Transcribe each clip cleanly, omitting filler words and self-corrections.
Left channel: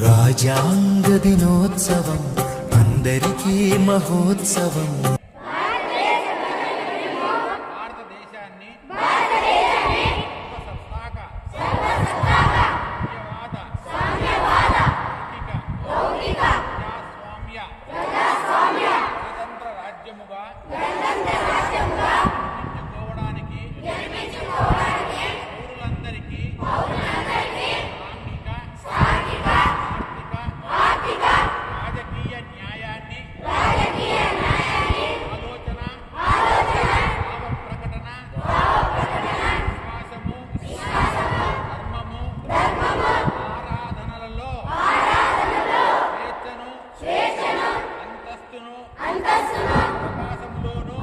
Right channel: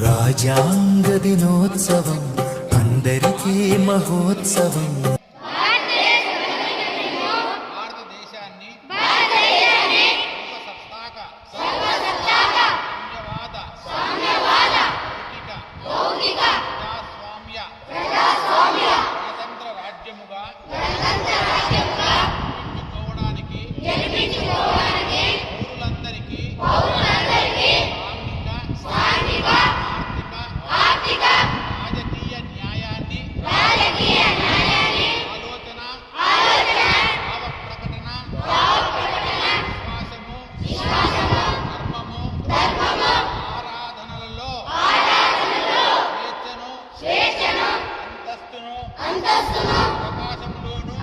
రాజ్యాంగ దినోత్సవం అందరికీ మహోత్సవం. భారతదేశాన్ని లౌకిక ప్రజాస్వామ్య గణతంత్ర రాజ్యముగా గెలిపించుకోవడానికి పౌరులందరికీ సాంఘిక ఆర్థిక రాజకీయ న్యాయాన్ని ఆలోచన భావ ప్రకటన విశ్వాసము ధర్మము ఆరాధనలలో స్వేచ్ఛను అంతస్తును సమానత్వమును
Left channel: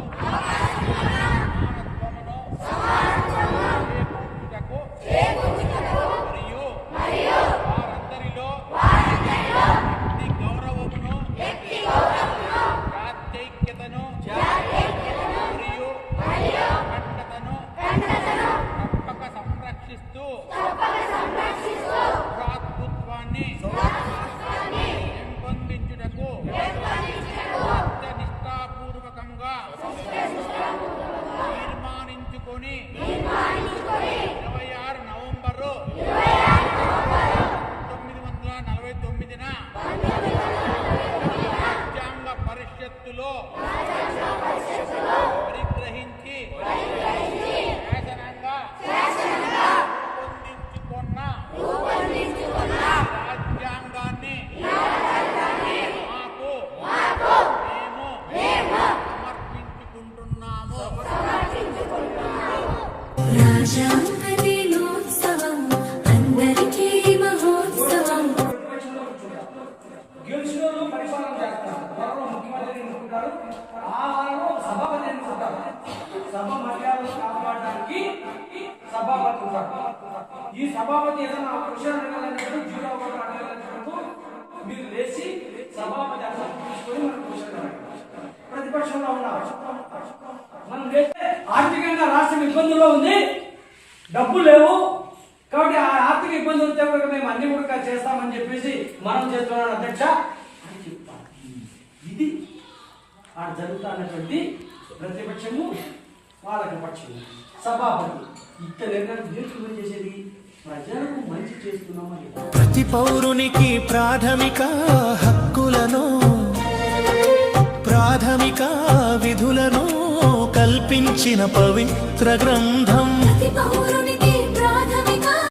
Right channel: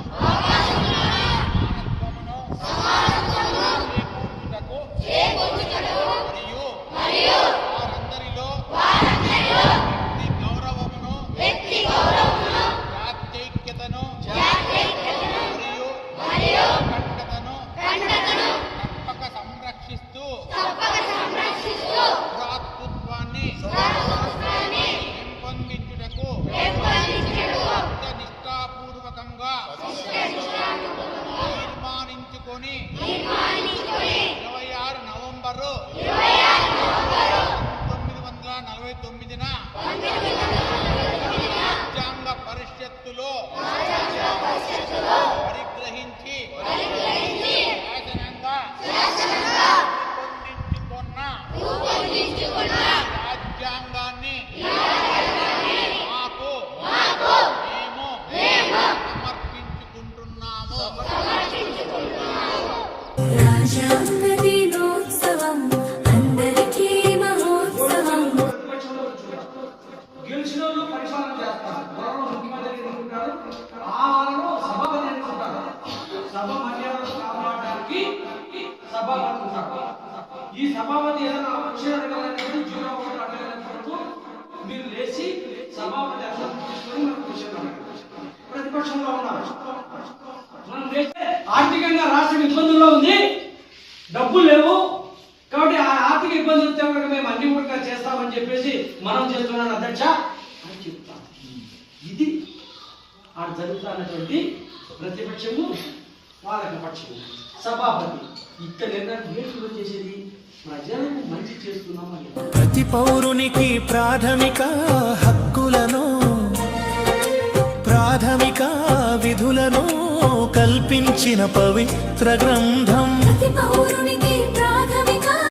చేకూర్చుటకు మరియు వారందరిలో వ్యక్తి గౌరవమును జాత్యైక్యతను మరియు ఖండతను తప్పక సంరక్షిస్తూ భ్రాతృత్వాన్ని పెంపొందించుటకు నిష్ఠాపూర్వకంగా తీర్మానించుకొని 26 నవంబరు 1949న రాజ్యాంగ పరిషత్తులో పరిగ్రహించి రూపొందించుకున్న రాజ్యాంగాన్ని మాకు మేము సమర్పించుకుంటున్నాము. రాజ్యాంగ దినోత్సవం అందరికీ మహోత్సవం. గెలిచిన వాళ్ళు పరిపాలన చేస్తారు. ఎవరో ముఖ్యమంత్రి ఎన్నుకుంటారు, ఆ వాళ్ళను సభాపతి ఎన్నుకుంటారు. సభ మర్యాదలు కాపాడడానికి సభాపతి ఉంటారు. ఈ సభాపతి ఏదైనా క్వశ్చన్ అడగాలన్నప్పుడు జీరో ఒకటి అడగాలన్నప్పుడు మీరు లేచి సభాపతి అర్థం తీసుకొని మనం క్వశ్చన్ అడగాలి. ప్రతిపక్షంలో ఉన్నారు, మనం లేస్తే ఆర్థికంగా రాష్ట్రం ఇబ్బందుల్లో ఉంది, డబ్బులు లేవు, కాబట్టి ఆ ఆర్థిక ఇబ్బందులు వస్తే కూడా మేము అన్ని కూడా చేస్తామని చెప్పేసి మనం చేస్తున్నాం అధ్యక్ష అని చెప్తాం. ఇది ఆడ జరుగుతున్నటువంటి ప్రతిపక్షము పాలక పక్షము సభాపతి ఇక్క నిర్ణయం నేర్చుకుని చేసేది ప్రజలకు మంచి చేస్తున్నామని. ప్రతి పౌరునికి ప్రాథమిక హక్కులను ప్రాథమిక విధులను కల్పించిన పవిత్ర గ్రంథం. ప్రతి పౌరునికి